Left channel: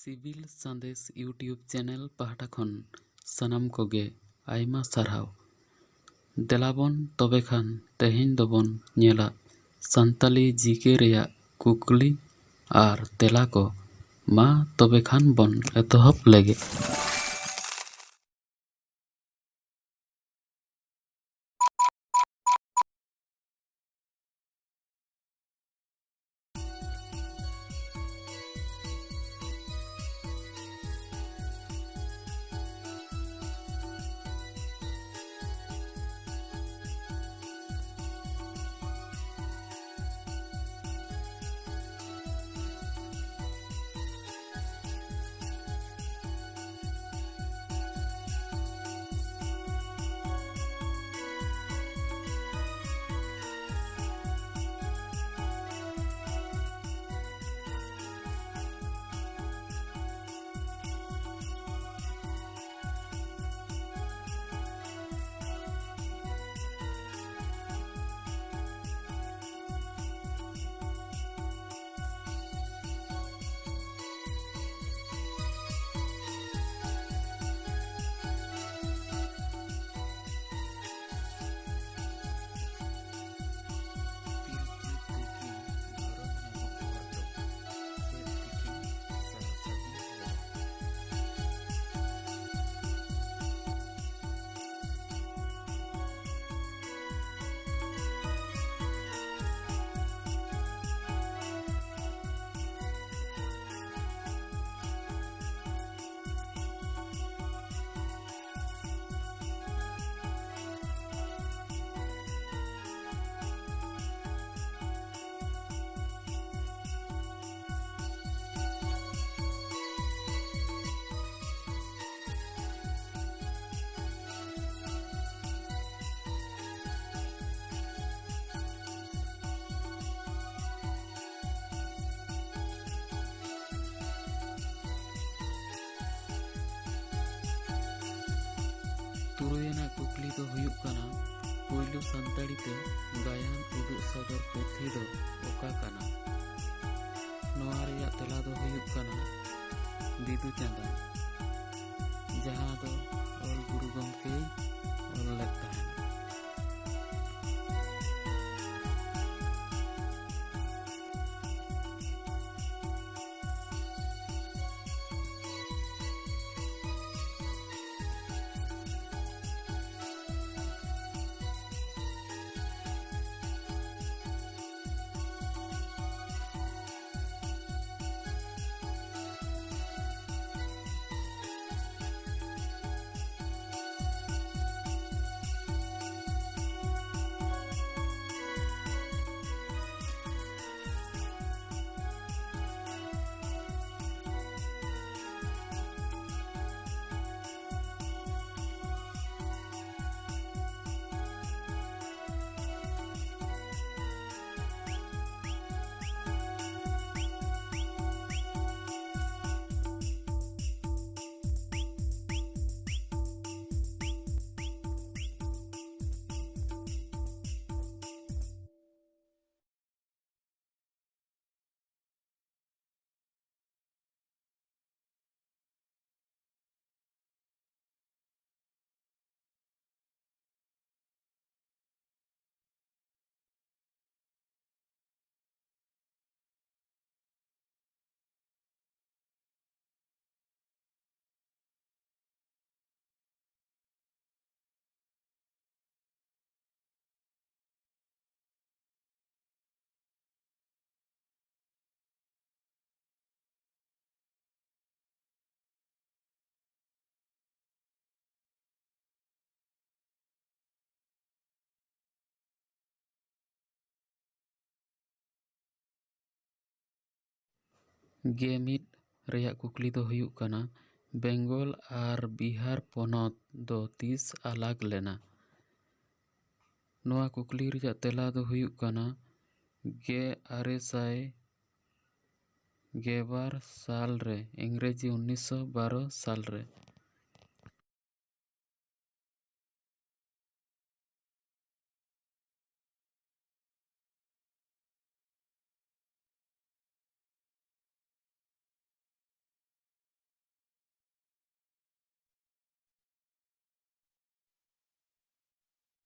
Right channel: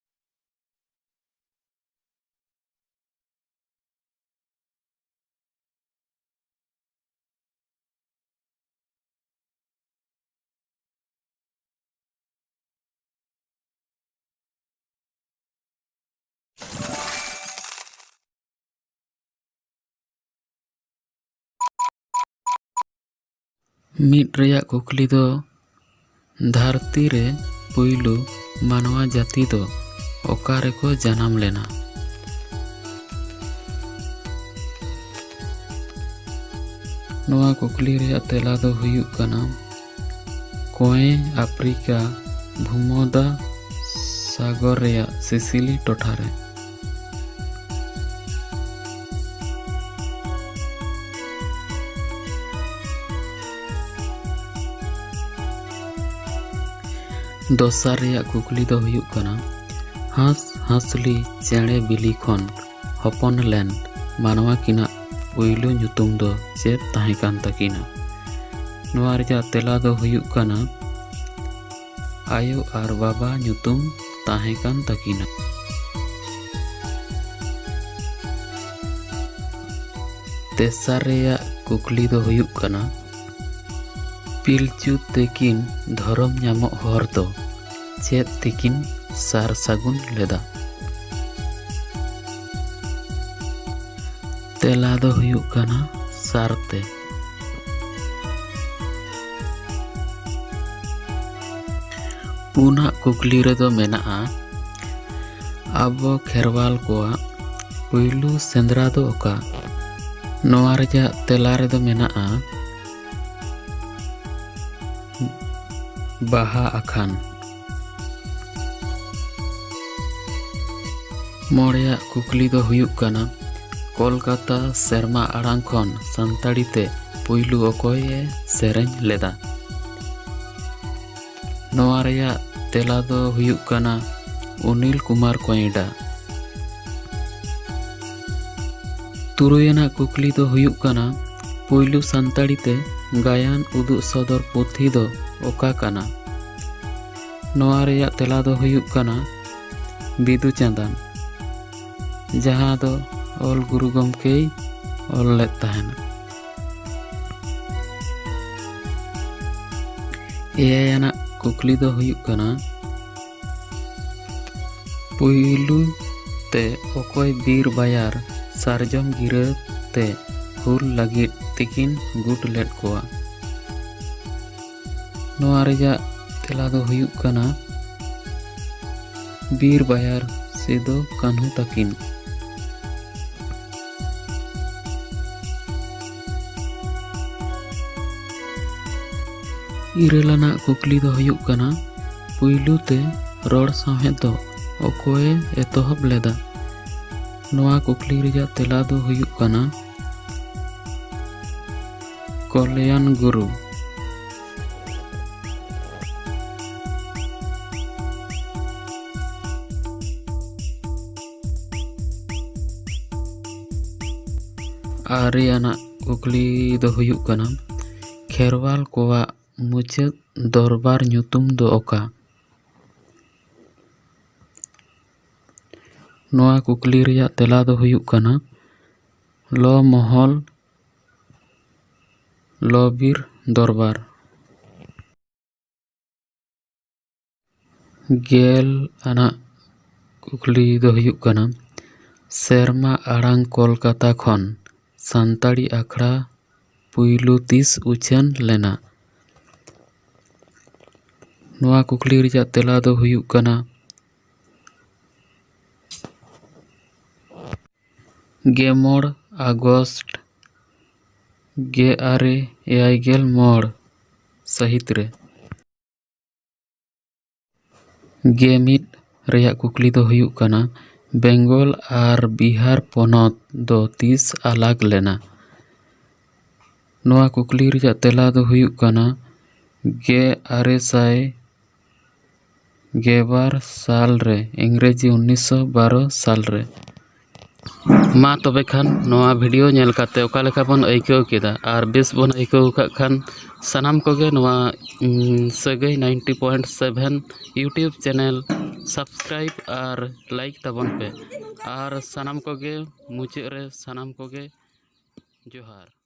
Civil संदेश YouTube channel पहाटा खन सानाम कोगे आयमा सारहाव। देलाबन तबे खान तेहेन दोबन नेला सान्ताली जीके रेया कुकली आर तेला को मा तबे खान बन एतहब लेगे। मिट रेया कुकली दो धरती रे पुइलु मानवा जाति दो ओकारे को जन्म लेना। नवा कुकली रेया तेला दो हुयुग कना कोए अफ्रीका भूमध्य सागर रेया सिसिली टोठारे। दोसार रेया कुकली दो हुयुग कना हांस हांसली चेणे बिली खन हपन लेन मानवा किना पुइलु ᱧᱩᱛᱩᱢ दो चेद ताहे कान तकिना। नवा रेया तेला दो हुयुग कना आयो आर बाबा ᱧᱩᱛᱩᱢ ताहे कान तकिना। तेसार रेया कुकली दो हुयुग कना पिलचु तेकिन धरम ᱧᱟᱢᱚᱜ हर दो चेद तेकिन सार सागुन लेदा। तेला दो हुयुग कना सारते। पुना कुकली रेदो मेनाआ आबो खेरवाल कोआ पुइलु सेंद्रा दो ओका। नवा रेया तेला रेदो मेनाआ बाहा आखान। मोड़िया कुकली दो हुयुग कना कोलकाता सेरमा आड़ांग खन सान्ताड़ी ते पुइलु ओकोये सेरेñ लेदा। नवा रेया तेला दो हुयुग कना अनिल कुमार कोयडा। तुरुयना कुकली दो हुयुग कना पुइलु सान्ताड़ी ते गायन उदुग सदर पुथी दो ओका कना। नवा रेया तेला दो हुयुग कना बिदु चांदान जहां दो ऑल गुरु गमके ऑल लेत ताहेना। एयाना कुकली दो हुयुग कना पुइलु ते ओकोय बीर बायार सारजम गिरा ते हुल लगित तिकिन गुट लेट कोआ। नवा रेया तेला दो हुयुग कना बीर बायार सिदो कान्हू तकिन। इरेलाना कुकली दो हुयुग कना पुइलु ते रोड साहेब दो ओकोए एतहब लेदा। नवा कुकली रेया तेला दो हुयुग कना कल्याण गुरु। आरियाना कुकली दो हुयुग कना खेरवाल कोआ मुचाद दरबार ᱧᱩᱛᱩᱢ दो ओका। नवा कुकली रेया तेला दो हुयुग कना लो महल लोबीर दरबार। गेल आना कुकली दो हुयुग कना सेरमा आड़ांग कोलकाता खन सान्ताड़ी आखड़ा पुइलु तीस उछान लेना। नवा कुकली रेया तेला दो हुयुग कना गेमोड़ आगस्ट 1886 सहित रे। गेमिट रेया कुकली दो हुयुग कना बेंगल आर बिहार पोनत दो तीस आलाग लेना। नवा कुकली रेया तेला दो हुयुग कना 1812 साल रे इंग्रेजी 1912 साल रे। मा तबे खान नवा वीडियो नेल काते ओका लेखा बन आइकाव केदा आर बेस बन आइकाव का खान सानाम कोगे नवा सगई 90.7 यूट्यूब चैनल सब्सक्राइब और लाइक तबन पे और सानाम कोगे मुचाद रे सानाम कोगे जोहार।